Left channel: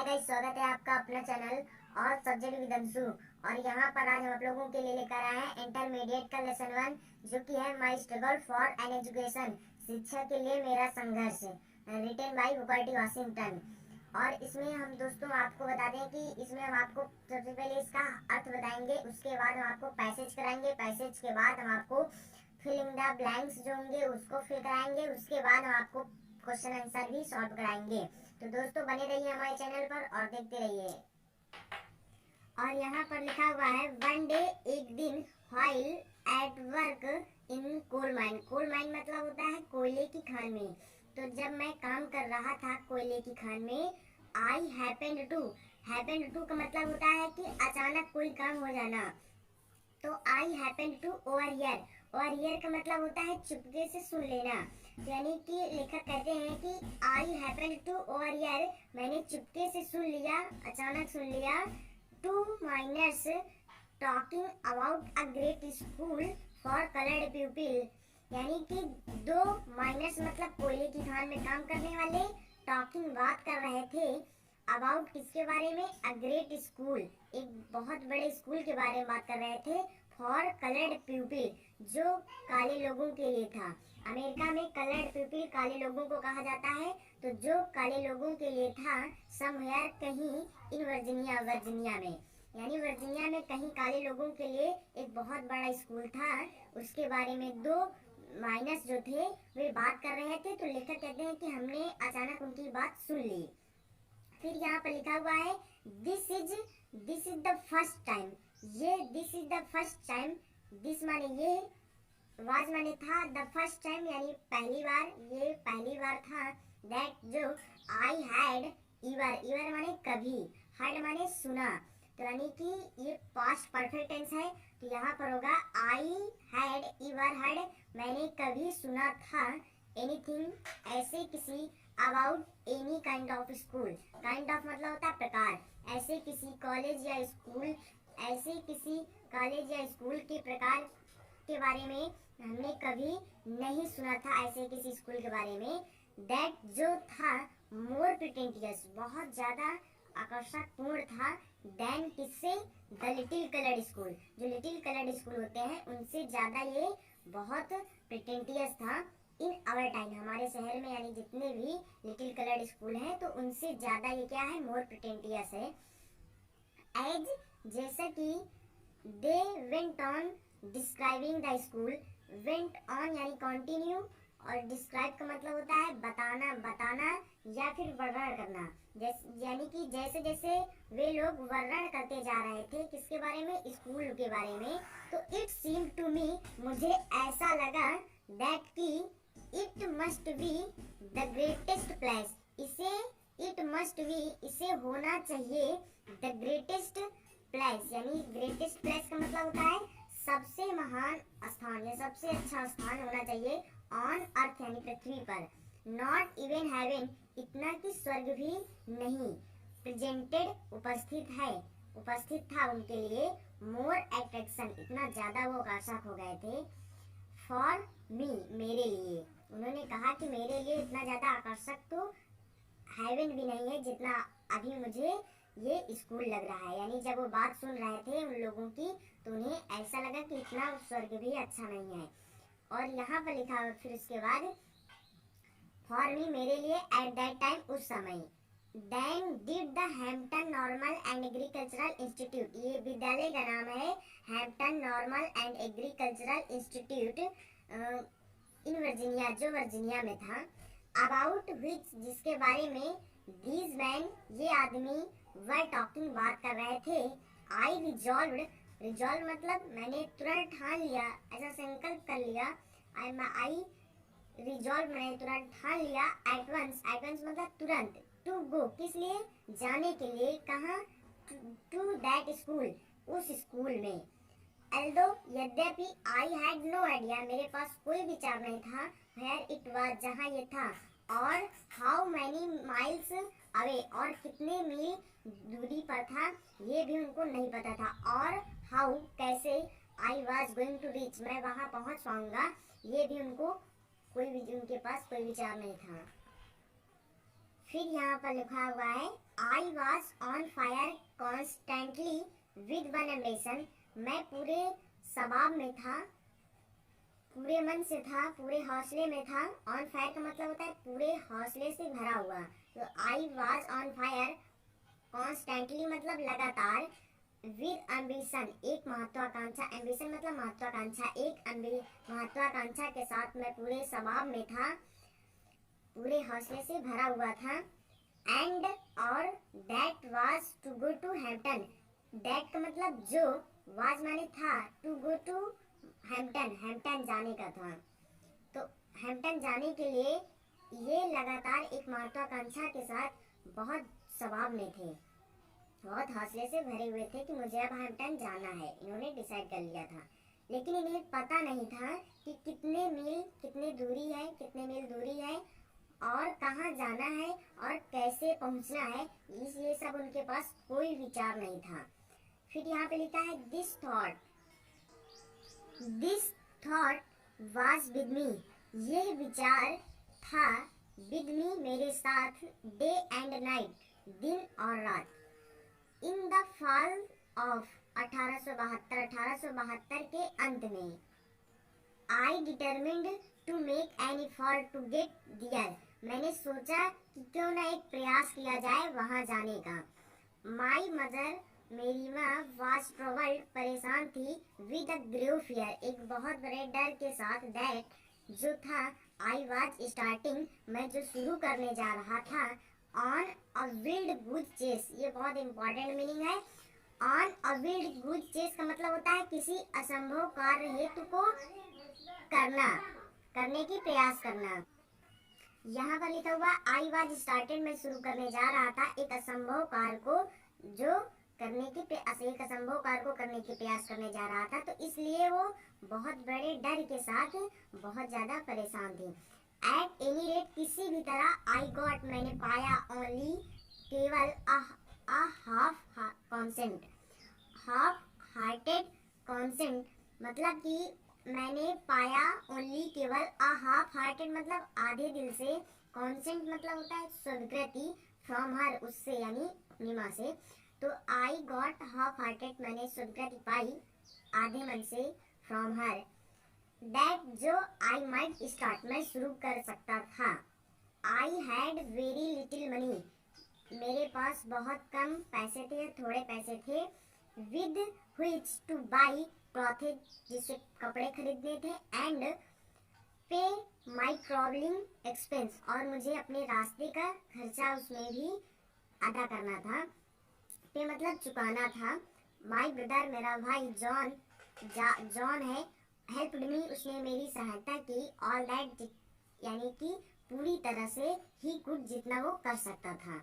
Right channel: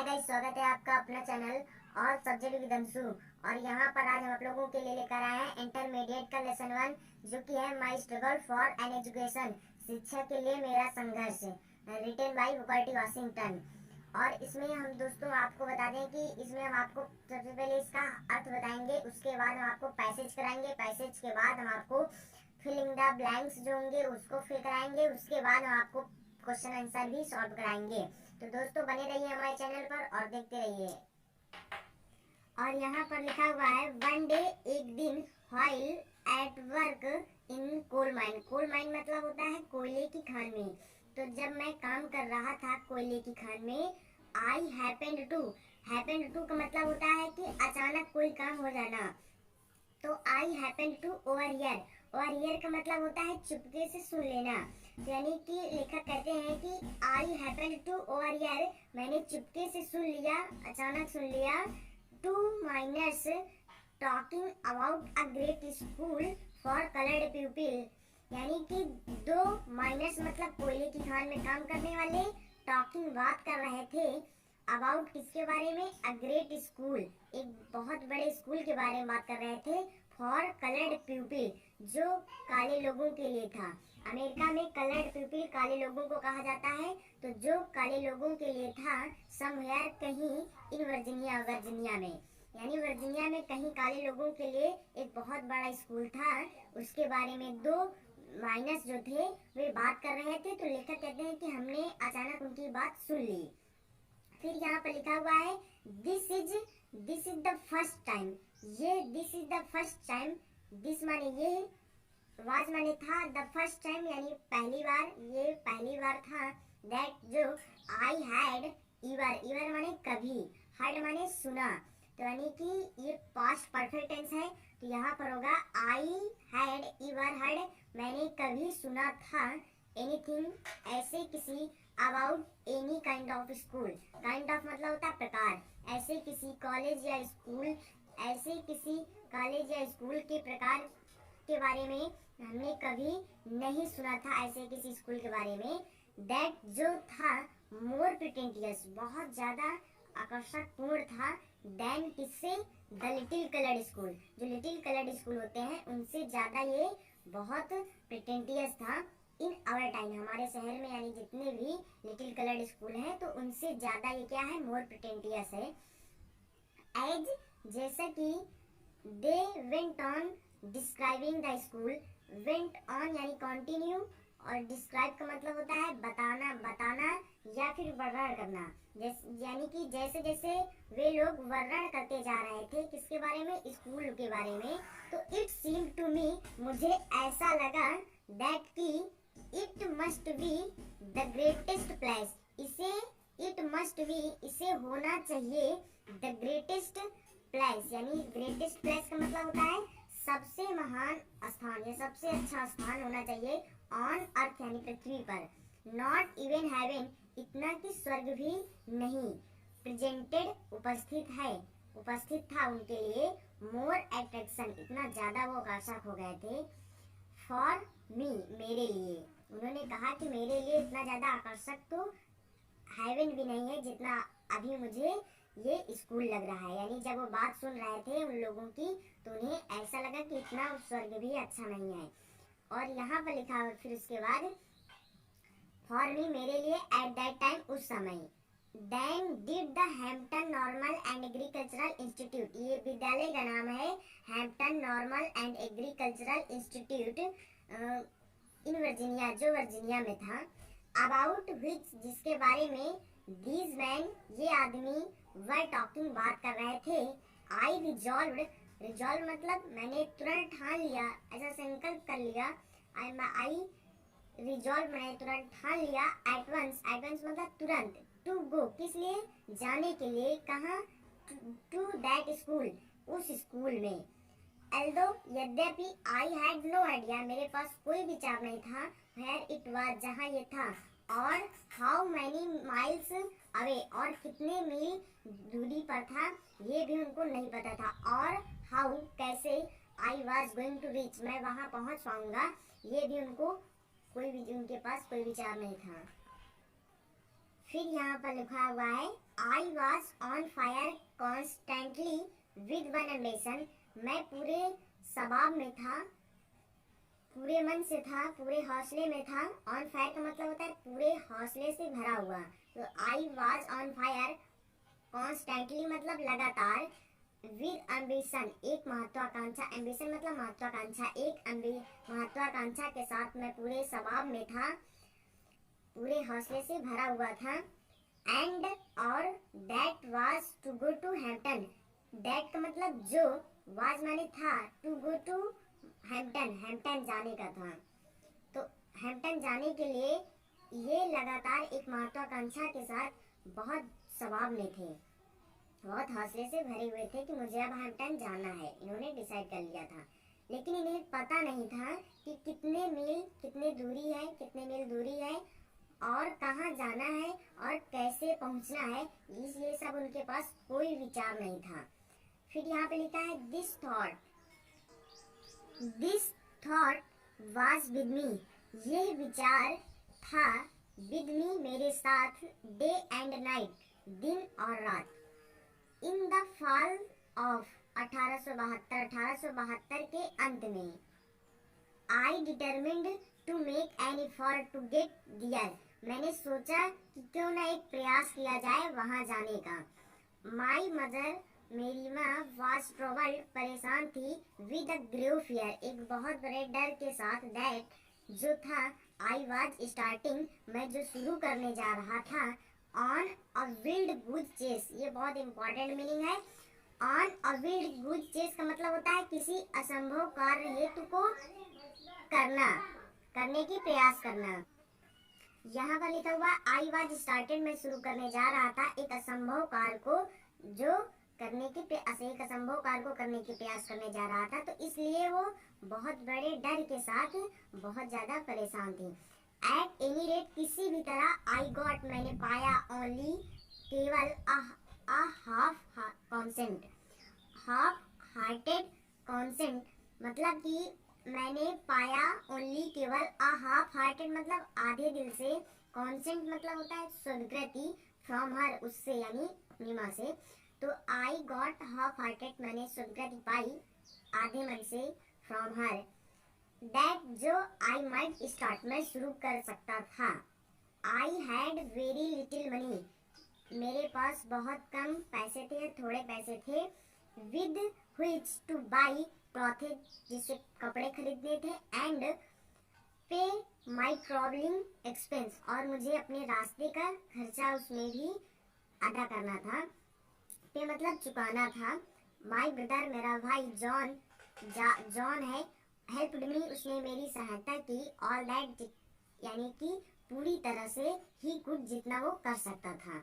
Hi guys, स्वागत है आपका अपना चैनल और सब्जेक्ट विद अंशु। और यहाँ पर आज हम आप लोगों के लिए लेकर आए हैं इंटरमीडिएट का लेसन 1, जो कि है my struggle for an education, शिक्षा के लिए मेरा संघर्ष, written by Booker T Washington. और इसमें हम दोस्तों आपको बता दें कि इसमें हम आपको सबसे पहले इसका अर्थ बताएंगे, उसके बाद हम आपको पैसेज कराएंगे, पैसेज के बाद हम आपको फिलिंग द ब्लैंक्स जो होंगे उसको फिल कराएंगे, उसके बाद हम आपको क्वेश्चन आंसर भी सॉल्व कराएंगे। तो दोस्तों बने रहिए हमारे चैनल पर और देखते रहिए। और यहाँ पर लिखा हुआ है वन डे, एक दिन, while at work in coal mine. Coal mine मतलब होता है कोयले की खान में। तो जब मैं काम कर रहा था कोयले की खान में, आई हैपेंड टू का मतलब होता है कि अचानक कोई काम हो जाना। तो आई हैपेंड टू ओवरहियर, ओवरहियर का मतलब होता है चुपके से सुन लेना। यानी कि लेखक कहते हैं कि आई हैपेंड टू ओवरहियर, मैंने चुपके से सुन लिया, अचानक सुन लिया, to miners talking about a great school for coloured people. यानी कि दो माइनर्स मतलब कोयले की खान में काम करने वाले टॉकिंग बात कर रहे थे अबाउट किसके बारे में, अ ग्रेट स्कूल, एक बहुत बड़े स्कूल के बारे में बात कर रहे थे, फॉर कलर्ड पीपल, जो काले लोगों के लिए था। अमेरिका में कलर्ड पीपल काले लोगों को कहा जाता है। तो जो काले लोगों के लिए था, समवेयर कहीं इन वर्जीनिया, वर्जीनिया में, यानी वर्जीनिया में कहीं काले लोगों के लिए एक बहुत बड़ा स्कूल था, उसके बारे में दो माइनस जो थे वे बात कर रहे थे। तो लेखक कहते हैं कि हमने अचानक उनकी बात सुन ली। फिर यहाँ पर लिखा हुआ है this is the first time, ये this is the first time, this माने ये, वाज माने था, द फर्स्ट टाइम यानी पहली बार, ये पहली बार था, दैट जो आई हैड ईवर माने कभी, हर्ड माने सुना। तो यानी कि ये पास्ट परफेक्ट टेंस है। तो यहाँ पर होगा आई हैड ईवर हर्ड, मैंने कभी सुना था, एनीथिंग ऐसे किसी, about any kind of school, kind of मतलब होता है प्रकार, ऐसे किसी कॉलेज या स्कूल, ऐसे किसी कॉलेज या स्कूल के प्रकार के बारे में हमने कभी नहीं सुना था, ऐसे किसी स्कूल के बारे में। दैट जो था मोर प्रिटेंटियस, बहुत ज्यादा आकर्षक पूर्ण था, देन किससे, द लिटिल कलर्ड स्कूल, जो लिटिल कलर्ड स्कूल होते हैं उनसे ज्यादा ये बहुत प्रिटेंटियस था। इन आवर टाइम, हमारे शहर में यानी जितने भी लिटिल कलर्ड स्कूल हैं तो उनसे ज्यादा ये क्या है, मोर प्रिटेंटियस है। एज जैसा कि they went on describing the school, went on यानी कंटिन्यू, और डिस्क्राइब का मतलब होता है बताना, बताना या फिर वर्णन करना। यानी कि जैसे जैसे वे लोग वर्णन करते जा रहे थे किसके बारे में, स्कूल के बारे में, तो इट सीम टू मी, मुझे ऐसा लगा, दैट की it must be the greatest place, इसे इट मस्ट बी, इसे होना चाहिए, द ग्रेटेस्ट प्लेस, यानी ग्रेटेस्ट प्लेस का मतलब होता है सबसे महान स्थान या सबसे अच्छा स्थान होना चाहिए, ऑन अर्थ यानी पृथ्वी पर, नॉट इवन हेवन, इतना कि स्वर्ग भी नहीं, प्रेजेंटेड उपस्थित है, उपस्थित था उनके लिए, मोर अट्रैक्शन, इतना ज्यादा वो आकर्षक हो गए थे, फॉर मी, मेरे लिए, उन्होंने कहा कि मेरे लिए इतना ज्यादा आकर्षक तो हेवन भी नहीं है जितना अभी मुझे ये स्कूल लग रहा है। यानी जब वो बात सुन रहे थे उन लोगों की तो उन्हें ऐसा लगा कि इतना स्वर्ग भी अच्छा नहीं है। और यहाँ पर लिखा हुआ फिर उसके बाद, फॉर मी, मेरे लिए, एट दैट टाइम, उस समय, then did the Hampton Normal and Agricultural Institute, ये विद्यालय का नाम है Hampton Normal and Agricultural Institute in Virginia, जो वर्जीनिया में था, अबाउट विच, जिसके बारे में, दीज मैन, ये आदमी, वर टॉकिंग, बात कर रहे थे, आई रिजॉल्व्ड, रिजॉल्व मतलब मैंने तुरंत ठान लिया, ऐसा संकल्प कर लिया, आई रिजॉल्व मैंने तुरंत ठान लिया, एट वंस मतलब तुरंत, टू गो किस लिए, जाने के लिए, कहाँ, टू दैट स्कूल, उस स्कूल में, एल्दो यद्यपि, आई हैड नो आइडिया, मेरे पास कोई विचार नहीं था, वेयर इट वाज, जहाँ ये था, और हाउ मैनी माइल्स अवे, और कितने मील दूरी पर था ये भी उनको नहीं पता था, और हाउ कैसे, I was going to reach, मैं वहाँ पहुँच पाऊंगा, ये भी उनको उनके पास कोई विचार नहीं था। फिर यहाँ पर लिखा हुआ है I was on fire constantly with one ambition. मैं पूरे शबाब में था, पूरे मन से था, पूरे हौसले में था। ऑन फायर का मतलब होता है पूरे हौसले से भरा हुआ। तो I was on fire constantly मतलब लगातार, विद एम्बिशन एक महत्वाकांक्षा, एम्बिशन मतलब महत्वाकांक्षा, एक महत्वाकांक्षा के साथ मैं पूरे शबाब में था, पूरे हौसले से भरा हुआ था। एंड और that was to go to Hampton. That का मतलब जो, वाज माने था, to go to Hampton, Hampton जाने का था। तो हैम्पटन जाने के लिए ये लगातार एक महत्वाकांक्षा के साथ बहुत शबाब में थे, बहुत हौसले से भरे हुए थे कि मुझे अब हैम्पटन जाना है। इन्होंने डिसाइड कर लिया था, लेकिन इन्हें पता नहीं था कि कितने मील दूरी है और कहाँ जाना है और कैसे पहुँचना है। ये सब उनके पास कोई विचार नहीं था। फिर यहाँ पे लिखा है this thought was with me. यह विचार था विद मी मेरे साथ, डे एंड नाइट, दिन और रात। इन द फॉल ऑफ 1872 के अंत में, I determined to make an effort to get there. मैंने सोचा कि क्यों ना एक प्रयास किया जाए वहां जाने का। माई मदर, मेरी माँ, वाज ट्रबल्ड, परेशान थी, विद अ ग्रेव फियर, एक बहुत बड़े डर के साथ, दैट जो था, आई वाज स्टार्टिंग, मैं जो शुरू करने जा रहा था, on a wild goose chase. ये बहुत इंपॉर्टेंट मीनिंग है। On a wild goose chase का मतलब होता है किसी असंभव कार्य हेतु को करने की प्रयास करना। यहाँ पर लिखा हुआ आई वाज स्टार्टेड, मैं शुरू करने जा रहा था एक असंभव कार्य को करने की प्रयास करने जा रहा था। तो इसलिए वो बहुत बड़े डर के साथ बहुत ज़्यादा परेशान थे। एट एनी रेट, किसी भी तरह, आई गॉट, मैंने पाया, ओनली, केवल, हाफ हार्टेड कॉन्सेंट, मतलब कि मैंने पाया, ओनली केवल, हाफ हार्टेड मतलब आधे दिल से, कॉन्सेंट मतलब होता है स्वीकृति, फ्रॉम हर उससे यानी अपनी माँ से। तो आई गॉट हाफ हार्टेड, मैंने स्वीकृति पाई आधे मन से, फ्रॉम हर, दैट जो आई माइट स्टार्ट, मैं शुरू कर सकता था। I had very little money, मेरे पास बहुत कम पैसे थे, थोड़े पैसे थे, with which two by clothes, जिससे कपड़े खरीदने थे, एंड पे माई ट्रैवलिंग एक्सपेंस, और मुझे अपने रास्ते का खर्चा उसमें भी अदा करना था। पे मतलब चुकाना था। माई ब्रदर, मेरा भाई जॉन है, हेल्प्ड मी, उसने मेरी सहायता की, ऑल दैट यानी कि पूरी तरह से, ही कुड, जितना वो कर सकता था।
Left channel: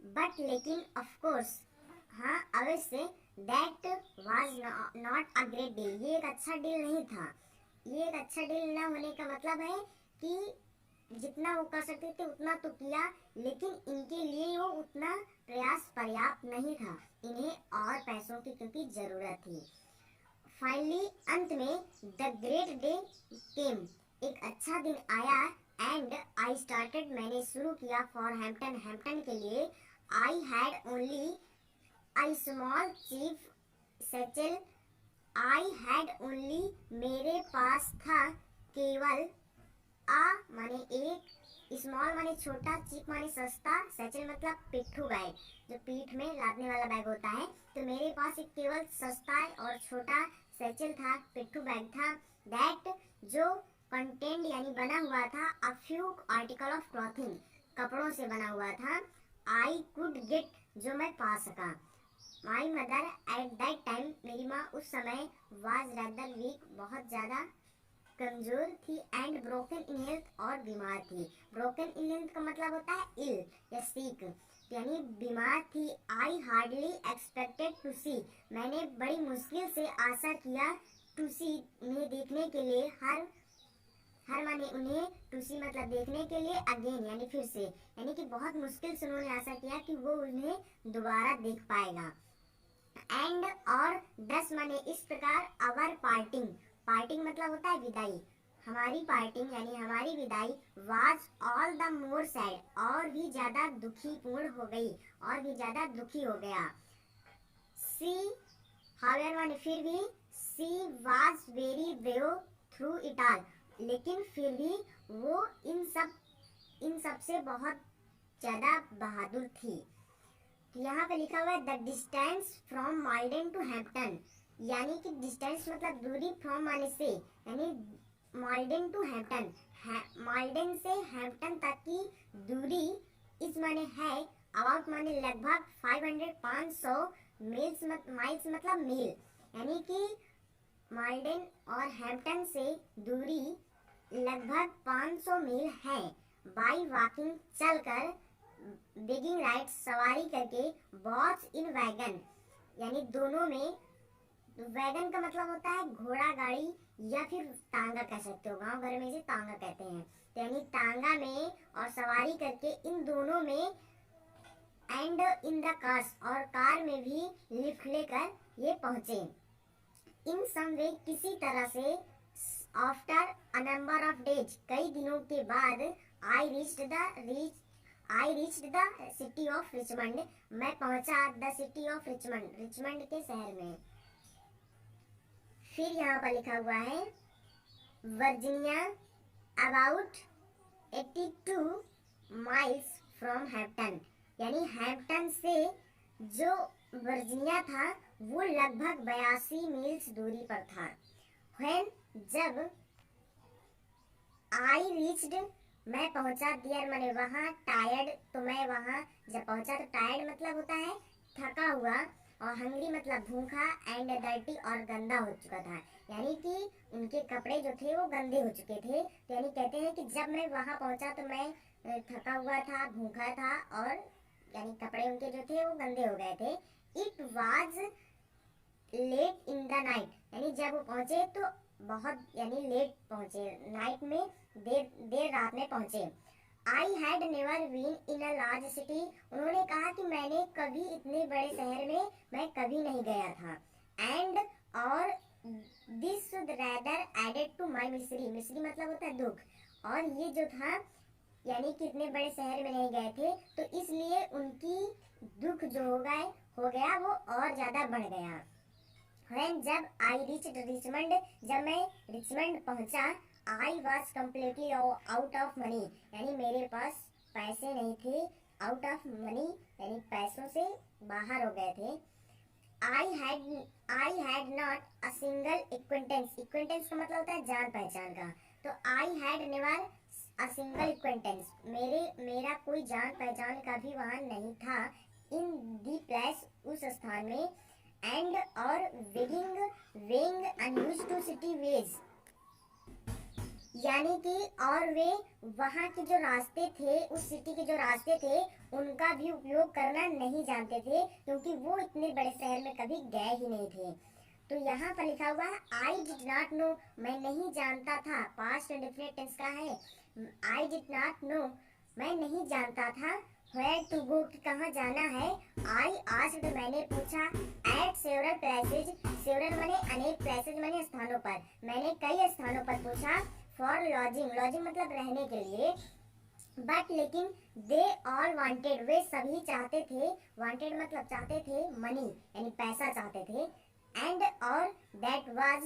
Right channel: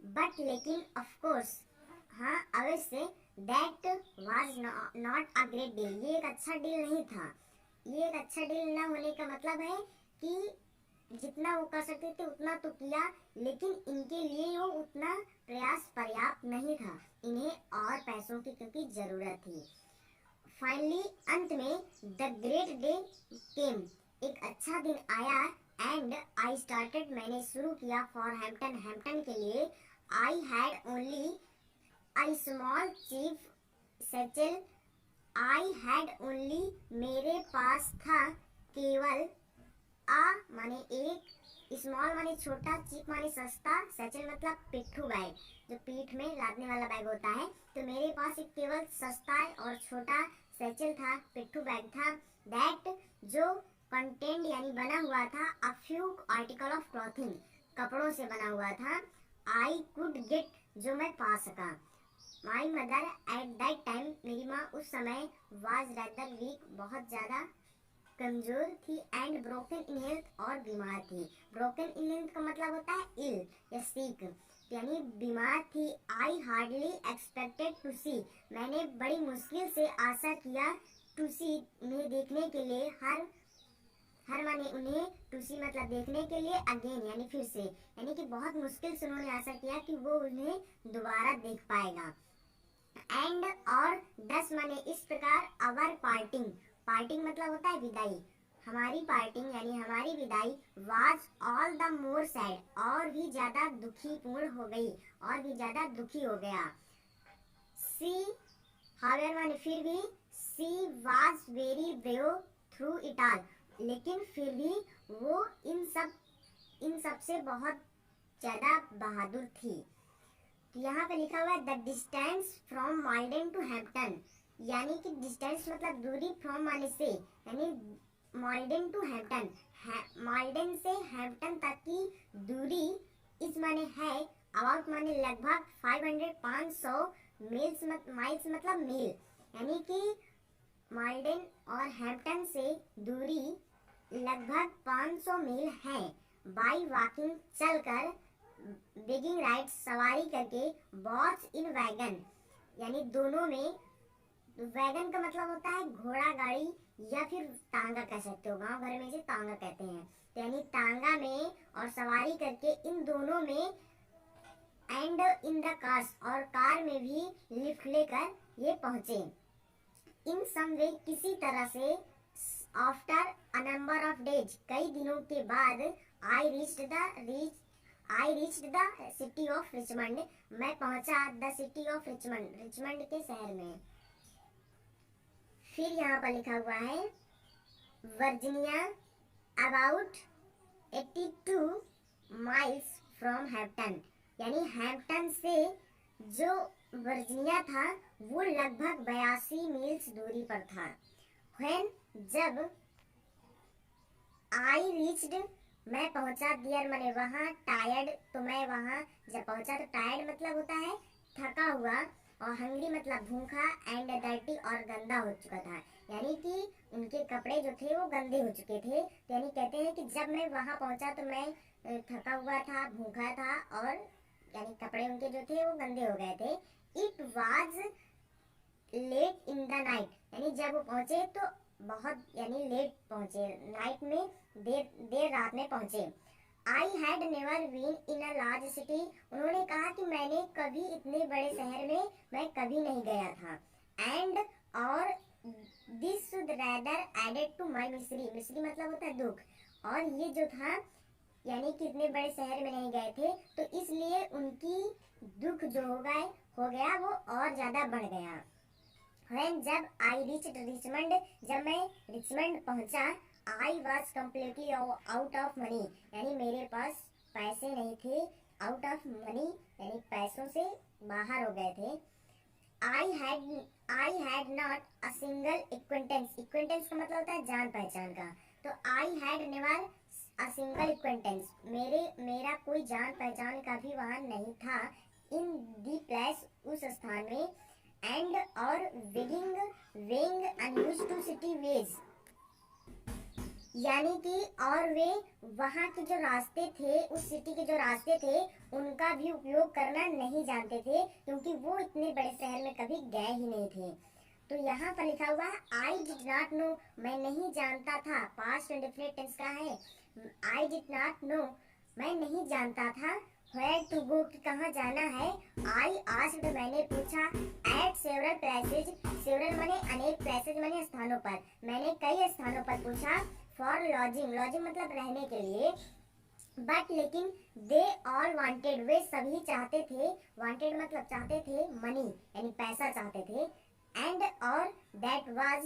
बट लेकिन, ऑफ कोर्स, हाँ अवश्य, that was not a great deal, ये एक अच्छा डील नहीं था। ये एक अच्छा डील ना होने का मतलब है कि जितना वो कर सकते थे उतना तो किया, लेकिन इनके लिए वो उतना प्रयास पर्याप्त नहीं था, इन्हें और पैसों की क्योंकि ज़रूरत थी। फाइनली, अंत में, द ग्रेट डे केम, एक अच्छा दिन आया, एंड आई स्टार्टेड, मैंने शुरू किया, फॉर हैम्पटन, हैम्पटन के लिए। I had only I small chief satchel, I had only, मेरे पास था केवल, माने एक, स्मॉल माने छोटा, चीप माने सस्ता, सैचल मतलब पिट्ठू बैग, जो पीठ में लादने वाला बैग होता है। तो मेरे पास एक केवल सस्ता और छोटा सैचल था, पिट्ठू बैग था, दैट जो कंटेंट यानी बना हुआ था, a few article of clothing, कपड़ों से बना हुआ था, आई कुड गेट, जो मैं पा सका। My mother at that time, मेरी माँ उस समय, वाज रैदर वीक, बहुत ज़्यादा कमज़ोर थी, एंड ब्रोकन इन हेल्थ, और बीमार थी। ब्रोकन इन हेल्थ का मतलब होता है इल या सीक, यानी बीमार थी। आई हार्डली एक्सपेक्टेड टू सी, मैंने बड़ी मुश्किल से आशा किया, टू सी, उन्हें देखने के लिए, हर माने उन्हें, टू सी मतलब देखने के लिए, अगेन यानी फिर से, यानी कि बहुत मुश्किल से उन्होंने आशा किया कि वो उन्हें दोबारा देख पाएगा। एंड और 10 माने इस प्रकार, अवर पार्टिंग, पार्टिंग मतलब होता है विदाई, हमारी पार्टिंग यानी हमारी विदाई was all the more sad, और भी ज्यादा दुखीपूर्ण हो गई, और भी ज्यादा दुखी हो गया। सी हावेवर माने फिर भी, she was very brave through it all, लेकिन फिर भी वो इन सब से बहुत ज्यादा बहादुर थी। तो यहाँ पे लिखा हुआ है the distance from Malden to Hampton, यानी कि डिस्टेंस मतलब दूरी, फ्रॉम माने से, यानी माल्डेन टू हैम्पटन, माल्डेन से हैम्पटन तक की दूरी, इस माने है, अबाउट माने लगभग, 500 माइल्स मतलब मील, यानी कि माल्डेन और हैम्पटन से दूरी लगभग 500 मील है। बाई वॉकिंग चलकर, बेगिंग राइड सवारी करके, बॉट्स इन वैगन यानी दोनों में, वैगन का मतलब होता है घोड़ा गाड़ी या फिर तांगा कह सकते हो, गांव घर में इसे तांगा कहते हैं। तो यानी तांगा में और सवारी करके इन दोनों में, एंड इन द कार्स और कार में भी लिफ्ट लेकर ये पहुंचे। इन सम वे किसी तरह से, after a number of days कई दिनों के बाद, I reached the city of Richmond, मैं पहुंचा the city of Richmond, Richmond के शहर में। फिर यहाँ पर लिखा हुआ है Virginia about 82 miles from Hampton, यानी हैम्पटन से जो वर्जीनिया था वो लगभग 82 मील्स दूरी पर था। व्हेन जब, आई रीच्ड मैं पहुंचा, दियर मैंने वहाँ, टायर्ड तो मैं वहाँ जब पहुंचा, तो टायर्ड मतलब होता है थका हुआ, और हंग्री मतलब भूखा, एंड डर्टी और गंदा हो चुका था, यानी कि उनके कपड़े जो थे वो गंदे हो चुके थे। तो यानी कहते हैं कि जब मैं वहाँ पहुँचा तो मैं थका हुआ था, भूखा था, और यानी कपड़े उनके जो थे वो गंदे हो गए थे। It was late in the night, यानी जब वो पहुँचे तो बहुत यानी लेट पहुँचे, नाइट में देर रात में पहुँचे। I had never been in a large city, उन्होंने कहा कि मैंने कभी इतने बड़े शहर में मैं कभी नहीं गया था। एंड और this should rather added to my misery, misery मतलब होता है दुख, और ये जो था यानी कि इतने बड़े शहर में नहीं गए थे तो इसलिए उनकी दुख जो हो गया वो और ज़्यादा बढ़ गया। When जब आई रीच्ड रिचमंड, जब मैं रिचमंड पहुंचा, I was completely out of money, यानी मेरे पास पैसे नहीं थे, आउट ऑफ मनी यानी पैसों से बाहर हो गए थे। I had not a single acquaintance, acquaintance का मतलब होता है जान पहचान का, तो आई had never a single acquaintance, मेरा कोई जान पहचान का भी वहाँ नहीं था। इन दी प्लेस उस स्थान में, एंड और being unused to city ways, यानी कि और वे वहाँ के जो रास्ते थे, उस सिटी के जो रास्ते थे उनका भी उपयोग करना नहीं जानते थे, क्योंकि वो इतने बड़े शहर में कभी गए ही नहीं थे। तो यहाँ पर लिखा हुआ है आई डिड नॉट नो, मैं नहीं जानता था, पास्ट इंडेफिनिट टेंस का है। आई डिड नॉट नो मैं नहीं जानता था, वेयर टू गो कि कहाँ जाना है। आई आस्क्ड मैंने पूछा, एट सेवरल प्लेसेज, सेवरल माने अनेक, प्लेसेज माने स्थानों पर, मैंने कई स्थानों पर पूछा। फॉर लॉजिंग, लॉजिंग मतलब रहने के लिए, बट लेकिन दे ऑल वांटेड, वे सभी चाहते थे, वांटेड मतलब चाहते थे, मनी यानी पैसा चाहते थे, एंड और that was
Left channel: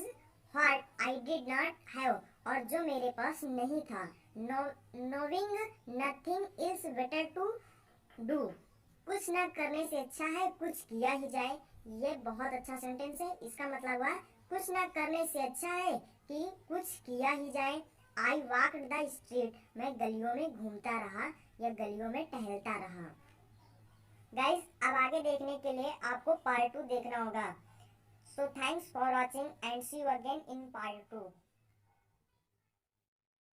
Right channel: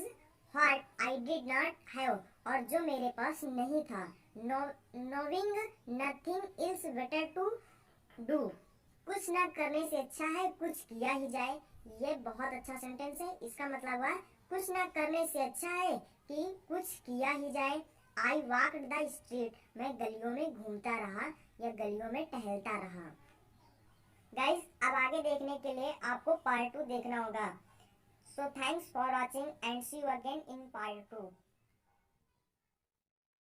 what I did not have, और जो मेरे पास नहीं था। Knowing nothing is better to do, कुछ ना करने से अच्छा है कुछ किया ही जाए। ये बहुत अच्छा सेंटेंस है, इसका मतलब हुआ कुछ ना करने से अच्छा है कि कुछ किया ही जाए। आई वॉकड द स्ट्रीट, मैं गलियों में घूमता रहा या गलियों में टहलता रहा। गाइस अब आगे देखने के लिए आपको पार्ट 2 देखना होगा। So thanks for watching and see you again in part 2।